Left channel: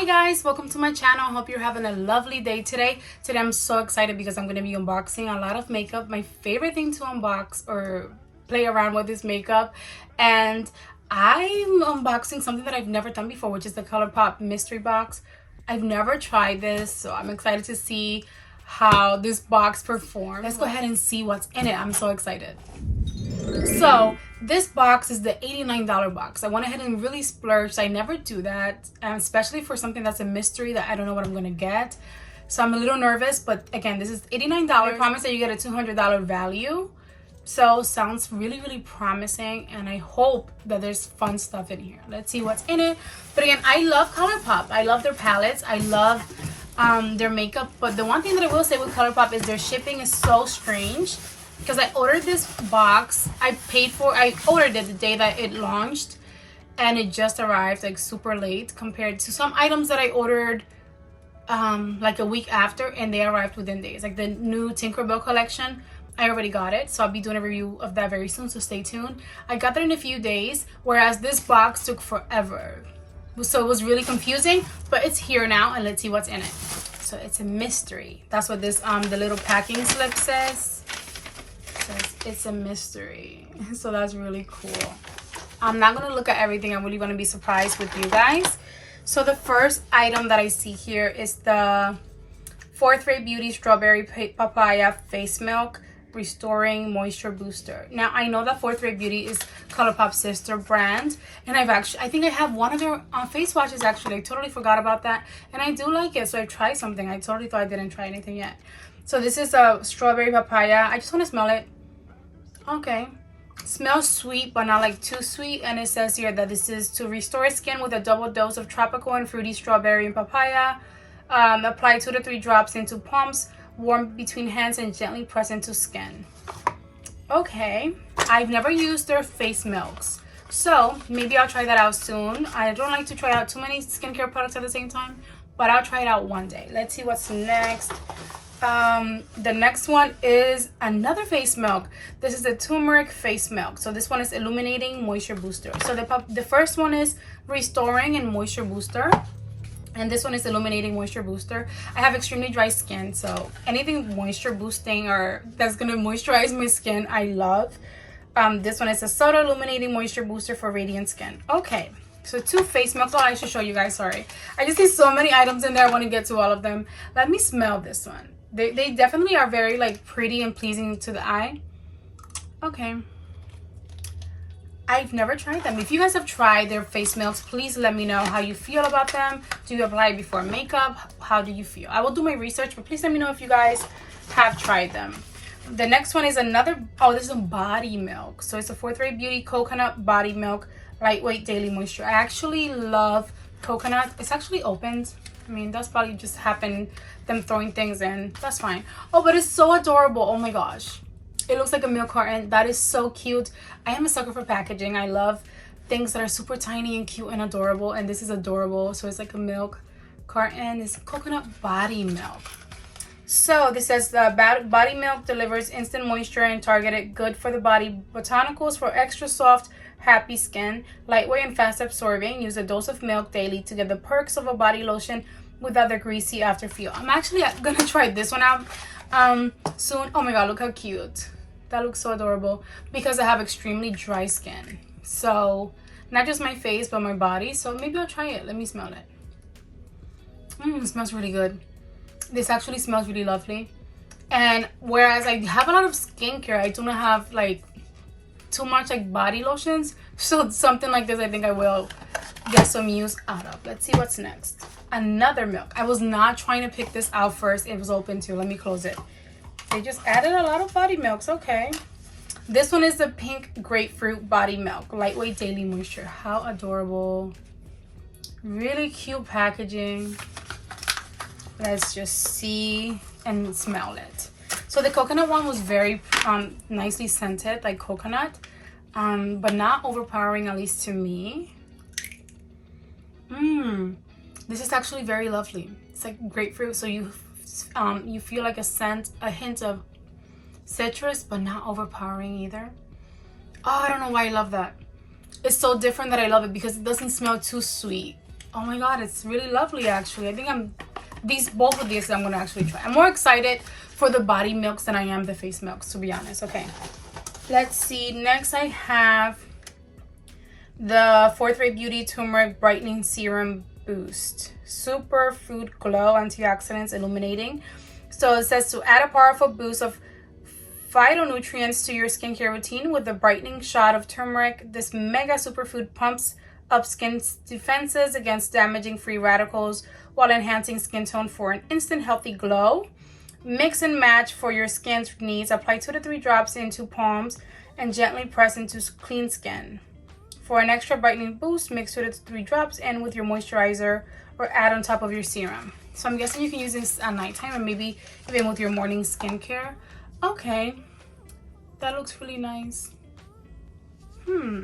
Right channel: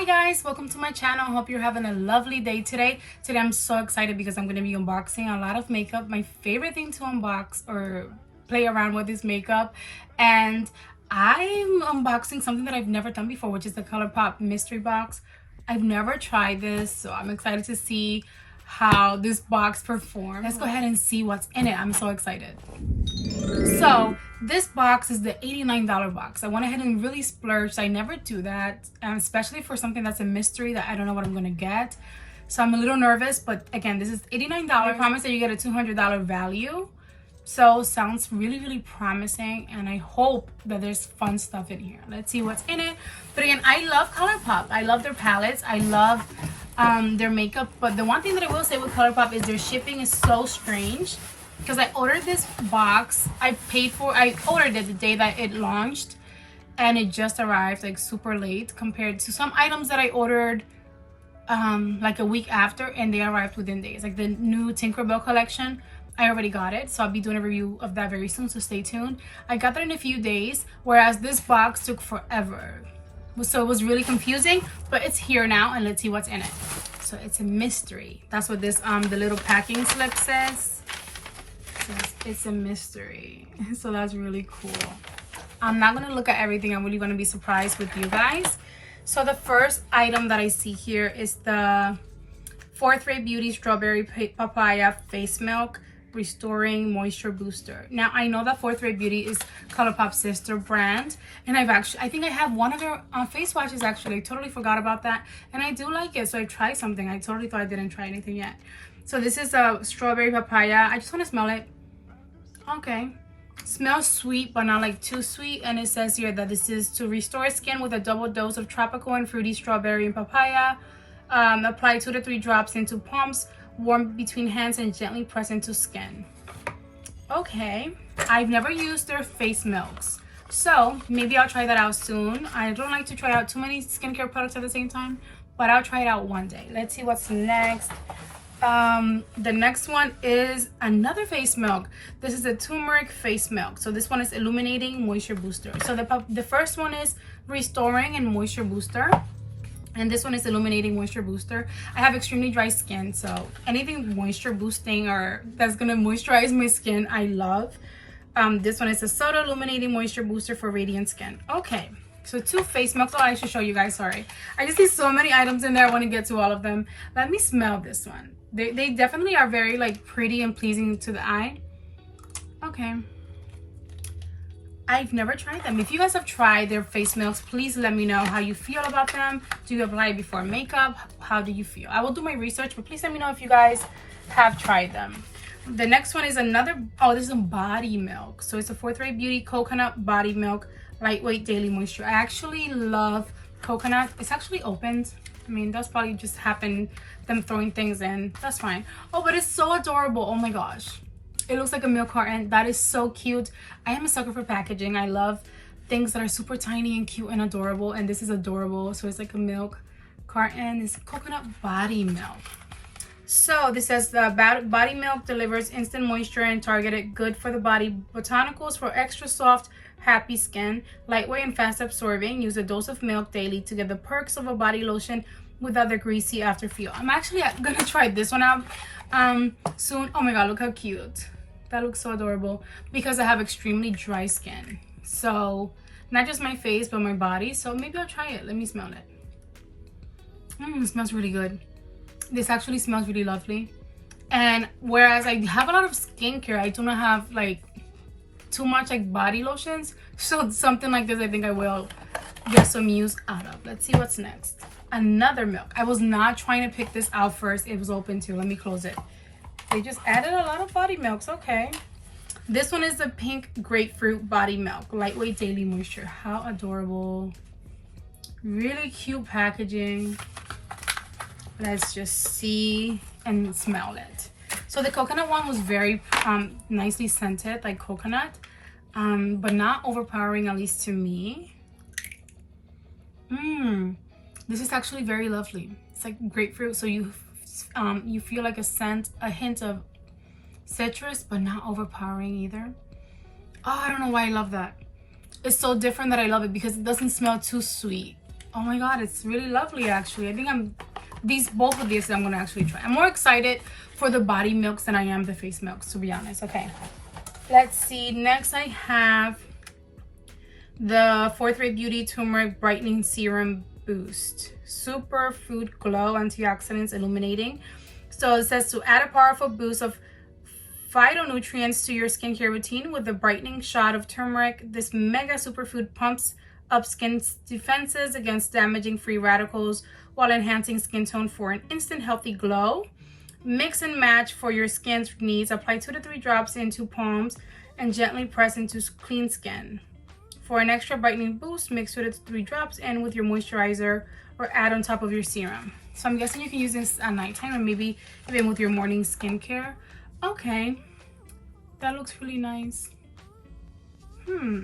Hi guys, welcome to my channel. I hope you're having a lovely day today. Today I'm so excited because I'm going to be unboxing a lot of makeup. My favorite thing to unbox or play around with is makeup, and I'm unboxing something that I've never done before, which is the Colourpop mystery box. I've never tried this, so I'm excited to see how this box performs. Let's go ahead and see what's in it. I'm so excited. So this box is the $89 box. I went ahead and really splurged. I never do that, especially for something that's a mystery that I don't know what I'm gonna get. So I'm a little nervous, but again, this is $89. I promise that you get a $200 value. So sounds really promising, and I hope that there's fun stuff in here. Let's see what's in it. But again, I love Colourpop. I love their palettes. I love their makeup. But the one thing that I will say with Colourpop is their shipping is so strange. Because I ordered this box, I ordered it the day that it launched, and it just arrived like super late compared to some items that I ordered like a week after, and they arrived within days. Like the new Tinkerbell collection, I already got it, so I'll be doing a review of that very soon, so stay tuned. I got that in a few days, whereas this box took forever. So it was really confusing, but it's here now, and let's see what's in it. So it's a mystery. That's what this the little packing slip says. It's a mystery, so that's really cool. I'm not gonna look at everything. I'm really gonna be surprised with you guys. So the first item that I see here is the 4th Ray Beauty Strawberry Papaya Face Milk Restoring Moisture Booster. Now I know that 4th Ray Beauty is Colourpop's sister brand, and I think I have one of their face washes actually. I totally forgot about that, and I do like it, so I tried something. I totally thought I didn't try anything yet. So this is a strawberry papaya. I just want to smell it. Okay, smells sweet but not like too sweet, and it says here that this is to restore skin with a double dose of tropical and fruity strawberry and papaya. Apply 2 to 3 drops into palms, warm between hands, and gently press into skin. Okay, I've never used their face milks, so maybe I'll try that out soon. I don't like to try out too many skincare products at the same time, but I'll try it out one day. Let's see what's next. The next one is another face milk. This is the turmeric face milk. So this one is illuminating moisture booster. So the first one is restoring and moisture booster, and this one is illuminating moisture booster. I have extremely dry skin, so anything moisture boosting or that's gonna moisturize my skin, I love. This one is a subtle illuminating moisture booster for radiant skin. Okay, so 2 face milks. Oh, I should show you guys, sorry. I just see so many items in there. I want to get to all of them. Let me smell this one. They definitely are very like pretty and pleasing to the eye. Okay, I've never tried them. If you guys have tried their face milks, please let me know how you feel about them. Do you apply it before makeup? How do you feel? I will do my research, but please let me know if you guys have tried them. The next one is another, oh, this is a body milk. So it's a 4th Ray Beauty Coconut Body Milk Lightweight Daily Moisture. I actually love coconut. It's actually opened. I mean, that's probably just happened, them throwing things in. That's fine. Oh, but it's so adorable. Oh my gosh. It looks like a milk carton. That is so cute. I am a sucker for packaging. I love things that are super tiny and cute and adorable. And this is adorable. So it's like a milk carton. It's coconut body milk. So this says the body milk delivers instant moisture and targeted good for the body botanicals for extra soft, happy skin, lightweight and fast absorbing. Use a dose of milk daily to get the perks of a body lotion without the greasy after feel. I'm actually gonna try this one out soon. Oh my god, look how cute. That looks so adorable, because I have extremely dry skin. So not just my face but my body. So maybe I'll try it. Let me smell it. It smells really good. This actually smells really lovely. And whereas I have a lot of skincare, I do not have like too much like body lotions, so something like this I think I will get some use out of. Let's see what's next. Another milk. I was not trying to pick this out first. It was open too. Let me close it. They just added a lot of body milks. Okay, this one is the pink grapefruit body milk lightweight daily moisture. How adorable. Really cute packaging. Let's just see and smell it. So the coconut one was very nicely scented, like coconut, but not overpowering, at least to me. This is actually very lovely. It's like grapefruit, so you feel like a hint of citrus, but not overpowering either. Oh, I don't know why I love that. It's so different that I love it, because it doesn't smell too sweet. Oh my god, it's really lovely actually. I think both of these I'm gonna actually try. I'm more excited for the body milks than I am the face milks, to be honest. Okay, let's see. Next I have the Fourth Ray Beauty Turmeric Brightening Serum Boost. Super Food Glow Antioxidants Illuminating. So it says to add a powerful boost of phytonutrients to your skincare routine with a brightening shot of turmeric. This mega superfood pumps up skin's defenses against damaging free radicals while enhancing skin tone for an instant healthy glow. Mix and match for your skin's needs. Apply 2 to 3 drops into palms and gently press into clean skin. For an extra brightening boost, mix 2 to 3 drops in with your moisturizer or add on top of your serum. So I'm guessing you can use this at nighttime and maybe even with your morning skincare. Okay, that looks really nice. Let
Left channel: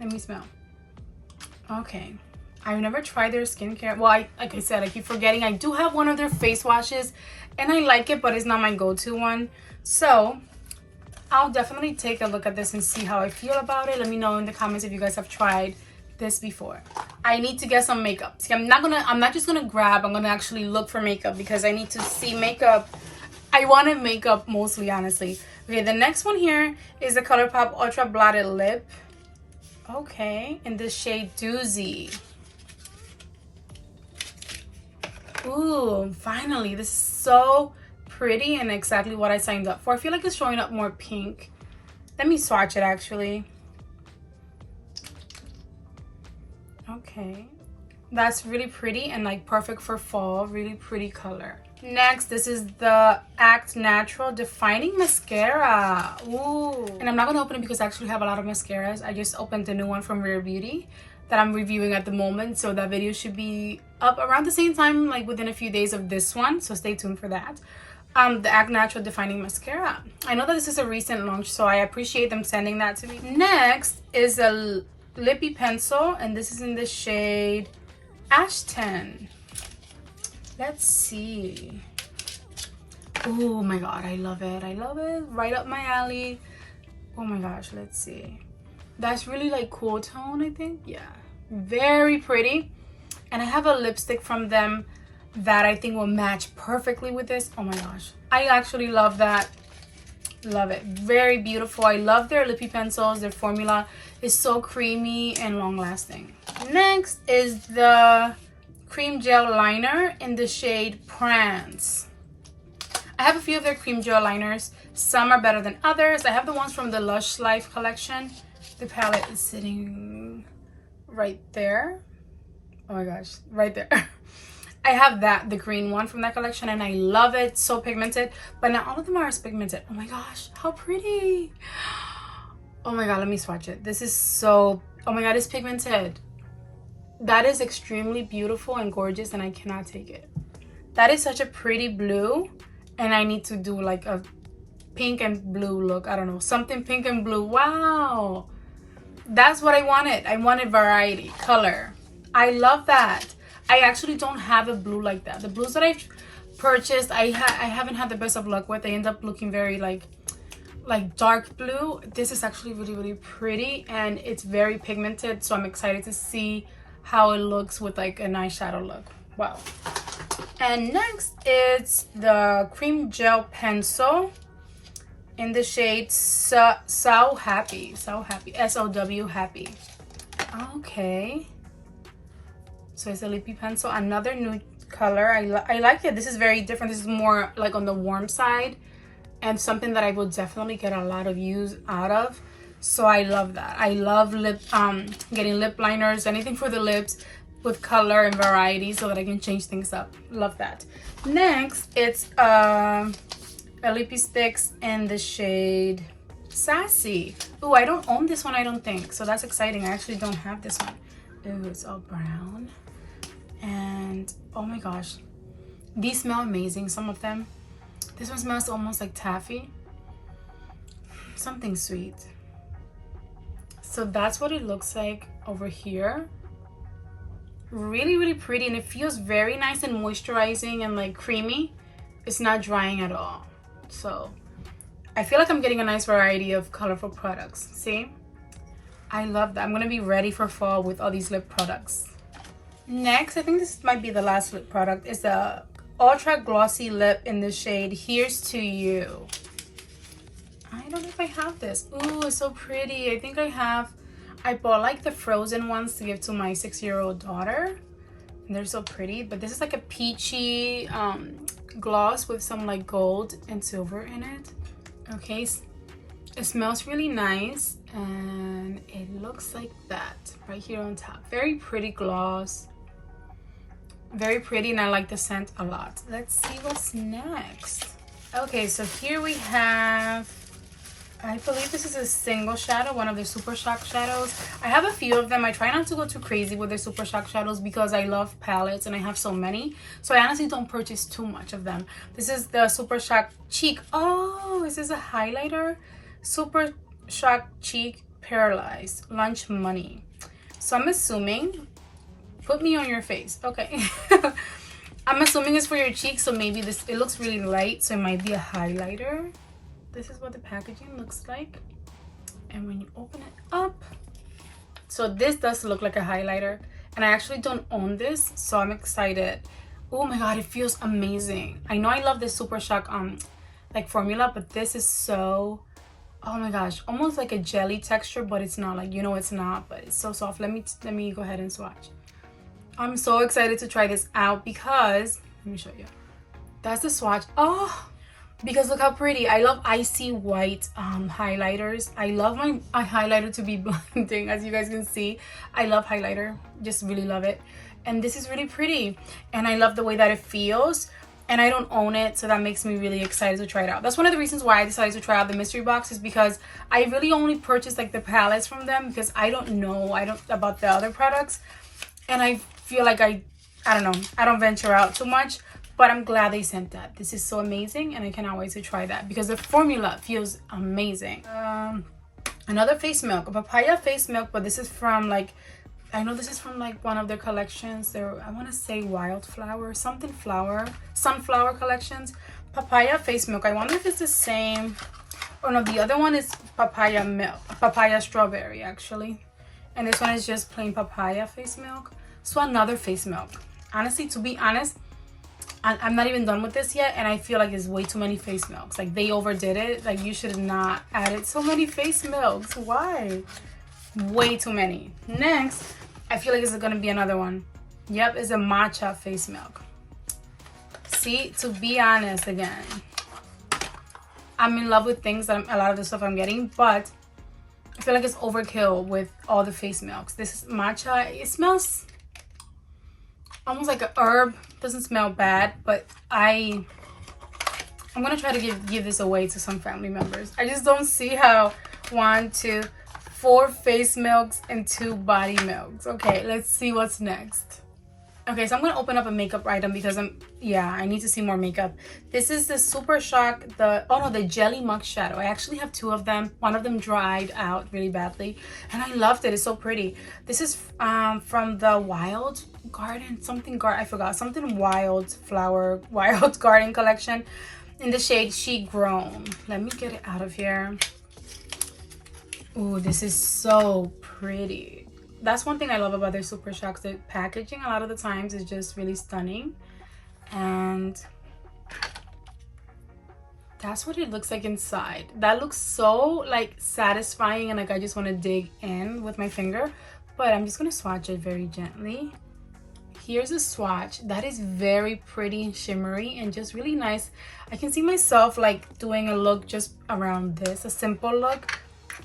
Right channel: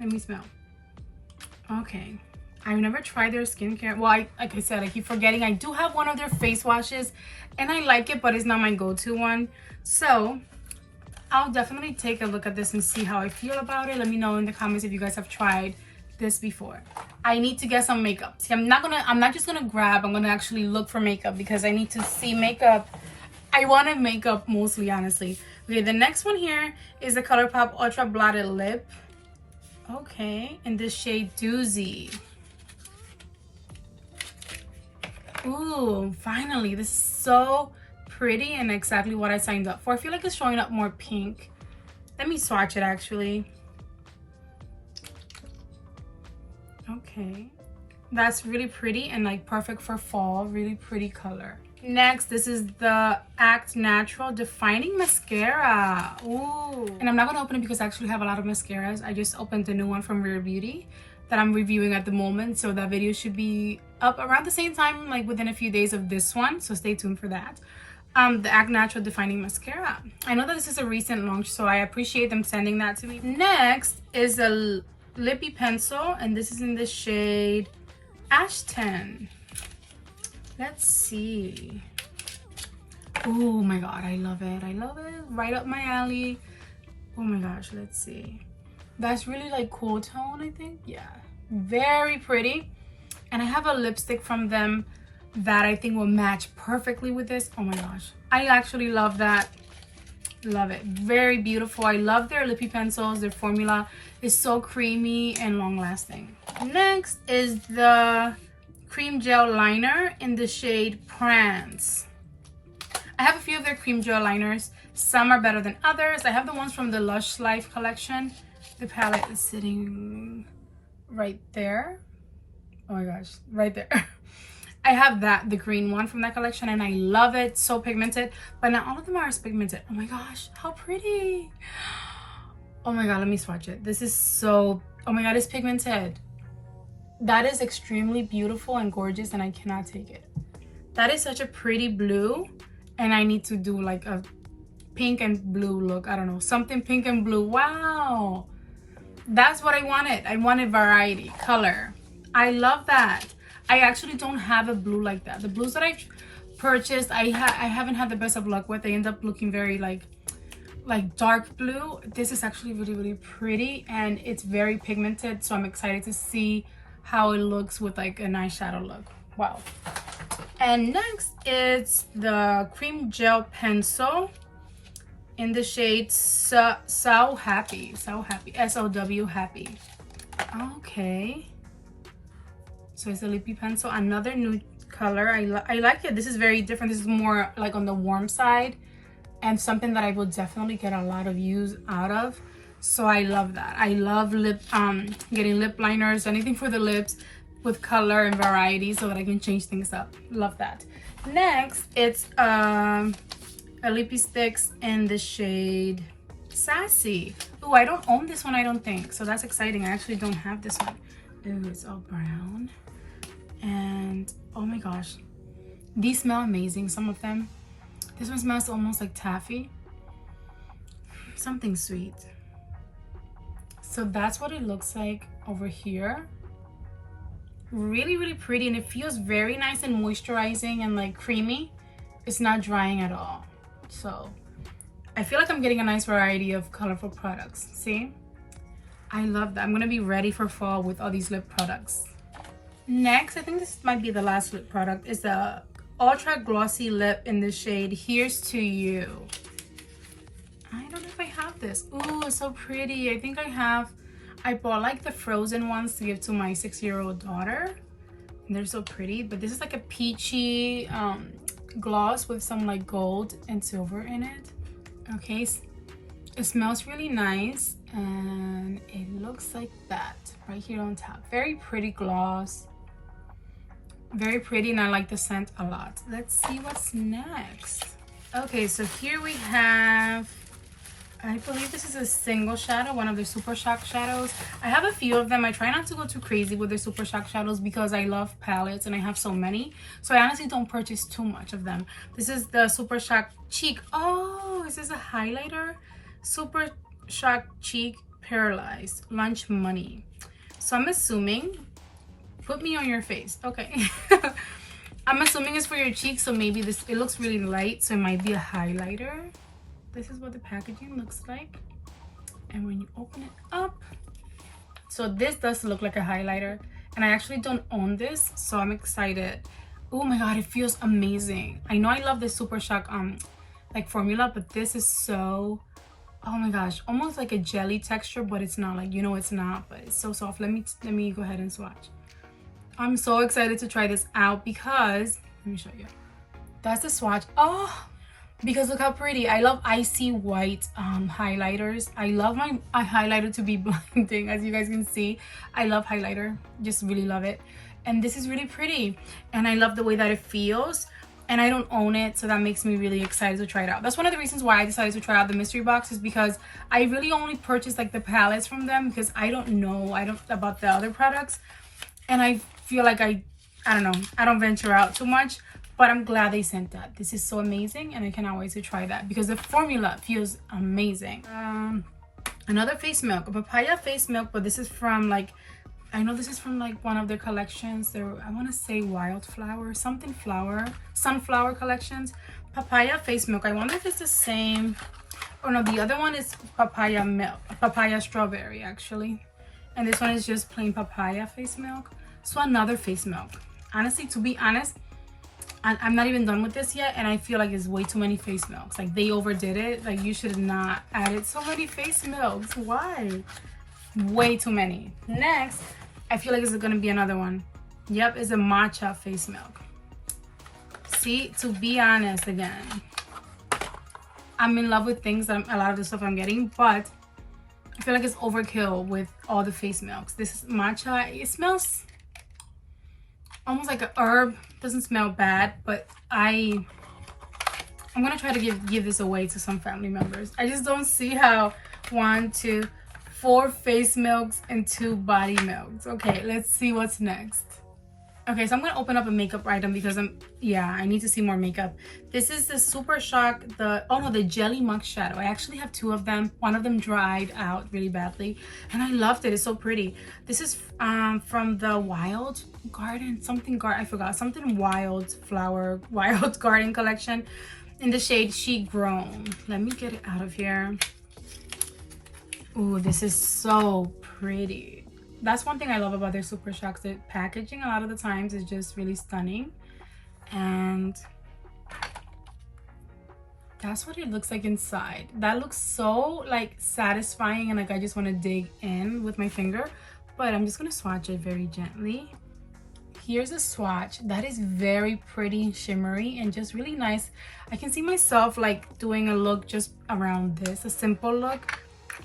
me smell. Okay, I've never tried their skincare. Well, like I said, I keep forgetting. I do have one of their face washes and I like it, but it's not my go-to one. So I'll definitely take a look at this and see how I feel about it. Let me know in the comments if you guys have tried this before. I need to get some makeup. See, I'm not just gonna grab, I'm gonna actually look for makeup because I need to see makeup. I wanted makeup mostly, honestly. Okay, the next one here is the Colourpop Ultra Blotted Lip. Okay, in the shade Doozy. Ooh, finally, this is so pretty and exactly what I signed up for. I feel like it's showing up more pink. Let me swatch it actually. Okay, that's really pretty and like perfect for fall. Really pretty color. Next, this is the Act Natural Defining Mascara. Ooh, and I'm not gonna open it because I actually have a lot of mascaras. I just opened the new one from Rare Beauty that I'm reviewing at the moment, so that video should be up around the same time, like within a few days of this one, so stay tuned for that. The Act Natural Defining Mascara. I know that this is a recent launch, so I appreciate them sending that to me. Next is a lippy pencil, and this is in the shade Ashton. Let's see. Oh my god, I love it. I love it. Right up my alley. Oh my gosh, let's see. That's really like cool tone, I think. Yeah, very pretty. And I have a lipstick from them that I think will match perfectly with this. Oh my gosh, I actually love that. Love it. Very beautiful. I love their lippy pencils. Their formula is so creamy and long lasting. Next is the cream gel liner in the shade Prance. I have a few of their cream gel liners. Some are better than others. I have the ones from the Lush Life collection. The palette is sitting right there. Oh my gosh, right there. I have the green one from that collection, and I love it. So pigmented, but not all of them are as pigmented. Oh my gosh, how pretty. Oh my god, let me swatch it. This is so, oh my god, it's pigmented. That is extremely beautiful and gorgeous, and I cannot take it. That is such a pretty blue, and I need to do like a pink and blue look. I don't know, something pink and blue. Wow, that's what I wanted. I wanted variety, color. I love that. I actually don't have a blue like that. The blues that I've purchased, I haven't had the best of luck with. They end up looking very like dark blue. This is actually really, really pretty, and it's very pigmented, so I'm excited to see how it looks with like an eyeshadow look. Wow. And next is the cream gel pencil in the shade So Happy, S-O-W Happy. Okay, so it's a lippy pencil, another nude color. I like it. This is very different. This is more like on the warm side and something that I will definitely get a lot of use out of. So I love that. I love getting lip liners, anything for the lips with color and variety so that I can change things up. Love that. Next, it's a lippy sticks in the shade Sassy. Oh, I don't own this one, I don't think. So that's exciting. I actually don't have this one. Ooh, it's all brown. And oh my gosh, these smell amazing, some of them. This one smells almost like taffy. Something sweet. So that's what it looks like over here. Really, really pretty, and it feels very nice and moisturizing and like creamy. It's not drying at all. So I feel like I'm getting a nice variety of colorful products. See, I love that. I'm gonna be ready for fall with all these lip products. Next, I think this might be the last lip product, is the Ultra Glossy Lip in the shade Here's to You. I don't know if I have this. Ooh, it's so pretty. I think I bought like the frozen ones to give to my 6-year-old daughter. And they're so pretty. But this is like a peachy gloss with some like gold and silver in it. Okay, it smells really nice. And it looks like that right here on top. Very pretty gloss. Very pretty, and I like the scent a lot. Let's see what's next. Okay, so here we have, I believe this is a single shadow, one of the Super Shock shadows. I have a few of them. I try not to go too crazy with the Super Shock shadows because I love palettes and I have so many. So I honestly don't purchase too much of them. This is the Super Shock Cheek. Oh, is this a highlighter? Super Shock Cheek Paralyzed Lunch Money. So I'm assuming, put me on your face. Okay. I'm assuming it's for your cheeks, so maybe this, it looks really light, so it might be a highlighter. This is what the packaging looks like. And when you open it up, so this does look like a highlighter, and I actually don't own this, so I'm excited. Oh my god, it feels amazing. I know I love this Super Shock like formula, but this is so, oh my gosh, almost like a jelly texture, but it's not, like, you know, it's not, but it's so soft. Let me go ahead and swatch. I'm so excited to try this out because, let me show you. That's the swatch. Oh, because look how pretty. I love icy white highlighters. I love my highlighter to be blinding, as you guys can see. I love highlighter, just really love it. And this is really pretty. And I love the way that it feels. And I don't own it, so that makes me really excited to try it out. That's one of the reasons why I decided to try out the mystery box, is because I really only purchased like the palettes from them because I don't know about the other products. And I feel like I don't know, I don't venture out too much, but I'm glad they sent that. This is so amazing, and I cannot wait to try that because the formula feels amazing. Another face milk, a papaya face milk, but this is from like, I know this is from like one of their collections. I want to say wildflower, something flower, sunflower collections. Papaya face milk. I wonder if it's the same. Oh no, the other one is papaya milk, papaya strawberry actually. And this one is just plain papaya face milk. So another face milk. Honestly, to be honest, I'm not even done with this yet, and I feel like there's way too many face milks. Like, they overdid it. Like, you should have not added so many face milks. Why? Way too many. Next, I feel like this is gonna be another one. Yep, it's a matcha face milk. See, to be honest, again, I'm in love with things that a lot of the stuff I'm getting, but I feel like it's overkill with all the face milks. This is matcha. It smells almost like a herb. Doesn't smell bad, but I'm gonna try to give this away to some family members. I just don't see how 1, 2, 4 face milks and 2 body milks. Okay, let's see what's next. Okay, so I'm gonna open up a makeup item because I need to see more makeup. This is the Super Shock, the Jelly Muck Shadow. I actually have 2 of them. One of them dried out really badly, and I loved it. It's so pretty. This is from the Wild Garden, I forgot, something Wild Flower, Wild Garden collection in the shade She Grown. Let me get it out of here. Ooh, this is so pretty. That's one thing I love about their Super Shocks. The packaging a lot of the times is just really stunning, and that's what it looks like inside. That looks so like satisfying, and like I just want to dig in with my finger, but I'm just gonna swatch it very gently. Here's a swatch. That is very pretty, shimmery, and just really nice. I can see myself like doing a look just around this, a simple look.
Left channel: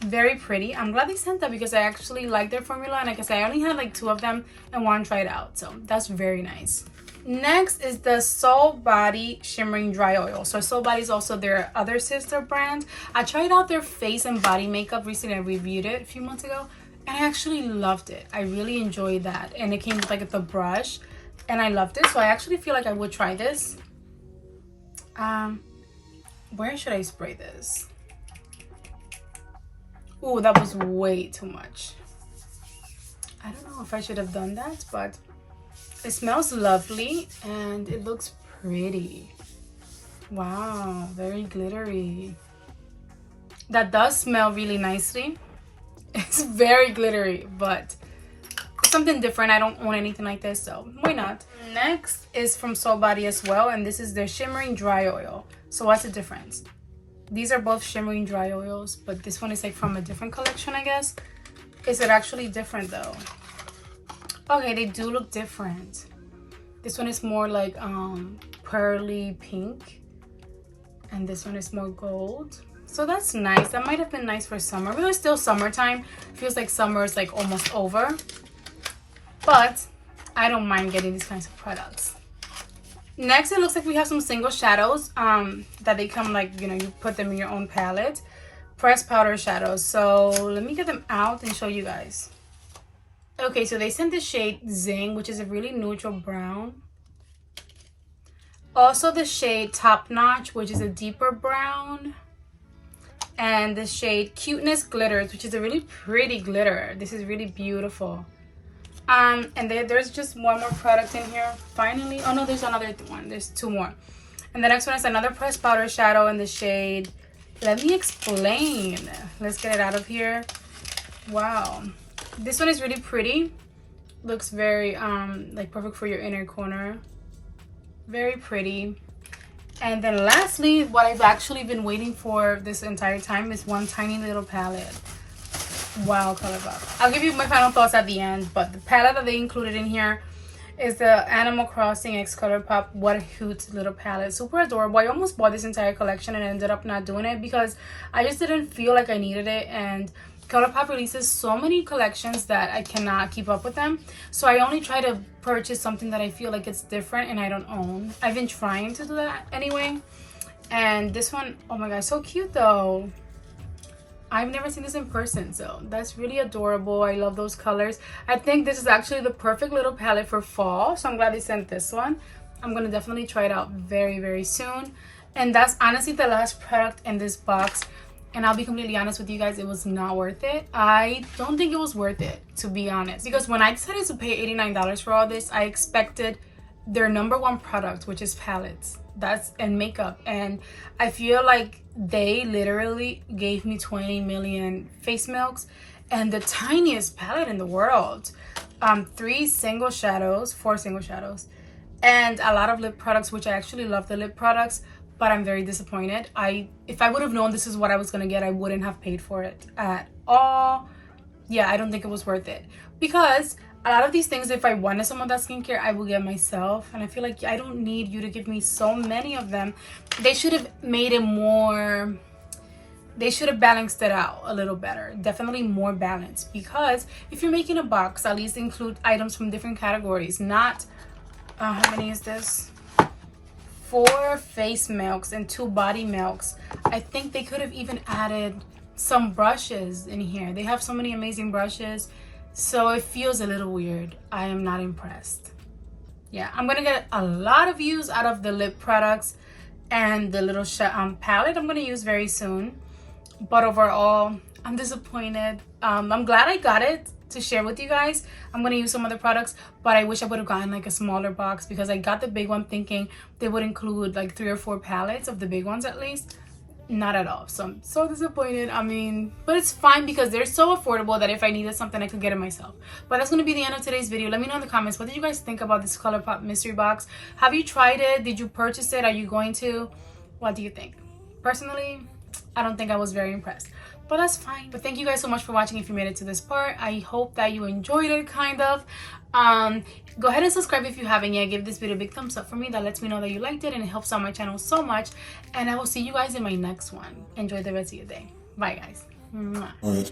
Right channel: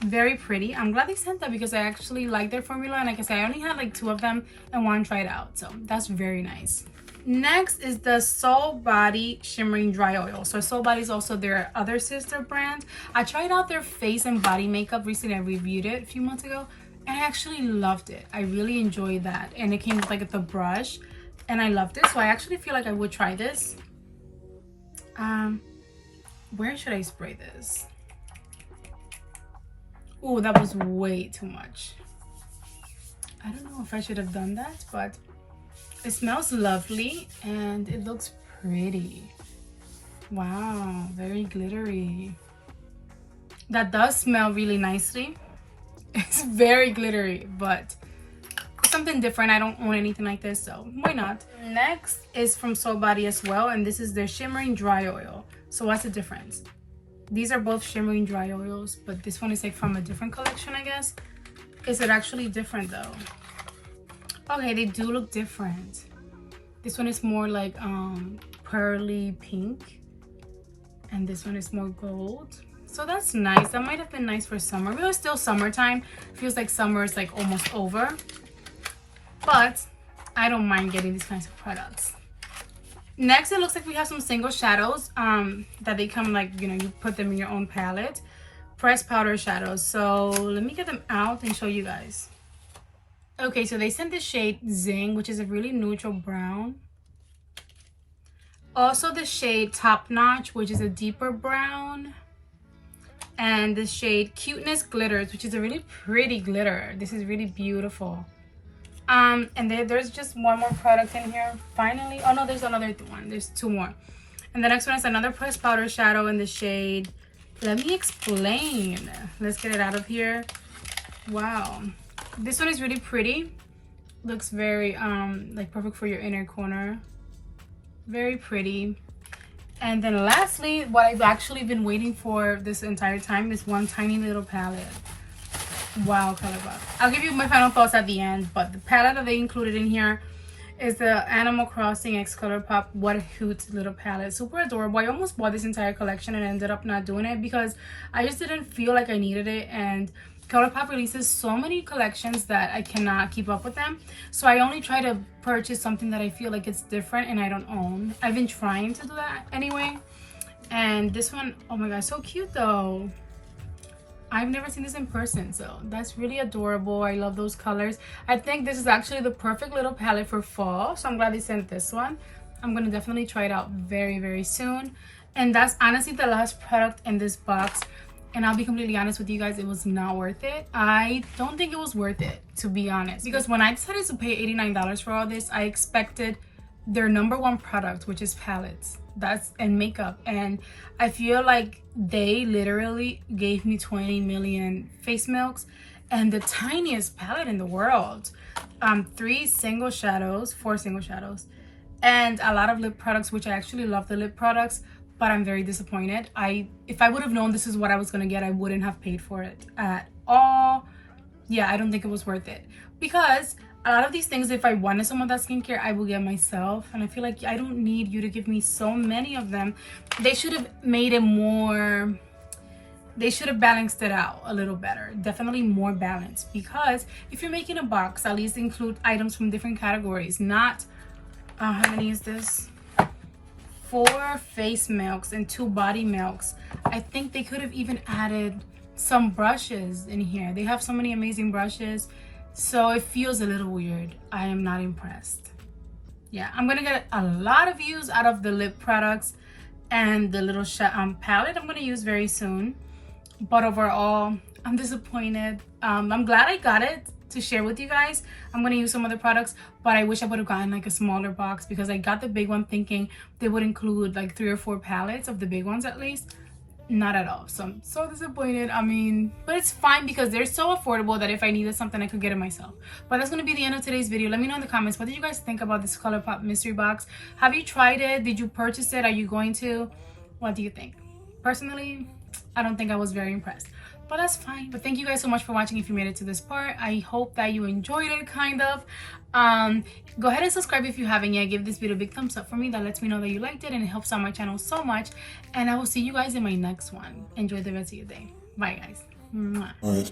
Very pretty. I'm glad they sent that because I actually like their formula, and like I said, I only had like 2 of them and want to try it out, so that's very nice. Next is the Soul Body Shimmering Dry Oil. So Soul Body is also their other sister brand. I tried out their face and body makeup recently. I reviewed it a few months ago, and I actually loved it. I really enjoyed that, and it came with like the brush, and I loved it. So I actually feel like I would try this. Where should I spray this? Oh, that was way too much. I don't know if I should have done that, but it smells lovely and it looks pretty. Wow, very glittery. That does smell really nicely. It's very glittery, but it something different. I don't own anything like this, so why not? Next is from Soul Body as well, and this is their shimmering dry oil. So what's the difference? These are both shimmering dry oils, but this one is like from a different collection, I guess. Is it actually different though? Okay, they do look different. This one is more like pearly pink, and this one is more gold. So that's nice. That might have been nice for summer, but it's still summertime. Feels like summer is like almost over, but I don't mind getting these kinds of products. Next, it looks like we have some single shadows that they come like, you know, you put them in your own palette. Pressed powder shadows. So let me get them out and show you guys. Okay, so they sent the shade Zing, which is a really neutral brown. Also the shade Top Notch, which is a deeper brown. And the shade Cuteness Glitters, which is a really pretty glitter. This is really beautiful. And there's just one more product in here. Finally, oh no, there's another one. There's two more. And the next one is another pressed powder shadow in the shade. Let me explain. Let's get it out of here. Wow. This one is really pretty. Looks very like perfect for your inner corner. Very pretty. And then lastly, what I've actually been waiting for this entire time is one tiny little palette. Wow, Colourpop. I'll give you my final thoughts at the end, but the palette that they included in here is the Animal Crossing x Colourpop What a Cute Little Palette. Super adorable. I almost bought this entire collection and ended up not doing it because I just didn't feel like I needed it, and Colourpop releases so many collections that I cannot keep up with them. So I only try to purchase something that I feel like it's different and I don't own. I've been trying to do that anyway. And this one, oh my god, so cute though. I've never seen this in person, so that's really adorable. I love those colors. I think this is actually the perfect little palette for fall, so I'm glad they sent this one. I'm gonna definitely try it out very, very soon. And that's honestly the last product in this box. And I'll be completely honest with you guys, it was not worth it. I don't think it was worth it, to be honest. Because when I decided to pay $89 for all this, I expected their #1 product, which is palettes. And makeup. And I feel like they literally gave me 20 million face milks and the tiniest palette in the world. 4 single shadows, and a lot of lip products, which I actually love the lip products. But I'm very disappointed. If I would have known this is what I was gonna get, I wouldn't have paid for it at all. Yeah, I don't think it was worth it. Because a lot of these things, if I wanted some of that skincare, I will get myself. And I feel like I don't need you to give me so many of them. They should have made it more... They should have balanced it out a little better. Definitely more balanced. Because if you're making a box, at least include items from different categories. Not... how many is this? 4 face milks and 2 body milks. I think they could have even added some brushes in here. They have so many amazing brushes, so it feels a little weird. I am not impressed. Yeah, I'm gonna get a lot of use out of the lip products and the little palette I'm gonna use very soon. But overall, I'm disappointed. I'm glad I got it to share with you guys. I'm gonna use some other products, but I wish I would have gotten like a smaller box because I got the big one thinking they would include like 3 or 4 palettes of the big ones at least. Not at all. So I'm so disappointed. I mean, but it's fine because they're so affordable that if I needed something, I could get it myself. But that's gonna be the end of today's video. Let me know in the comments, what did you guys think about this Colourpop mystery box? Have you tried it? Did you purchase it? Are you going to? What do you think? Personally, I don't think I was very impressed. But that's fine. But thank you guys so much for watching if you made it to this part. I hope that you enjoyed it, kind of. Go ahead and subscribe if you haven't yet. Give this video a big thumbs up for me. That lets me know that you liked it and it helps out my channel so much. And I will see you guys in my next one. Enjoy the rest of your day. Bye, guys. Mwah.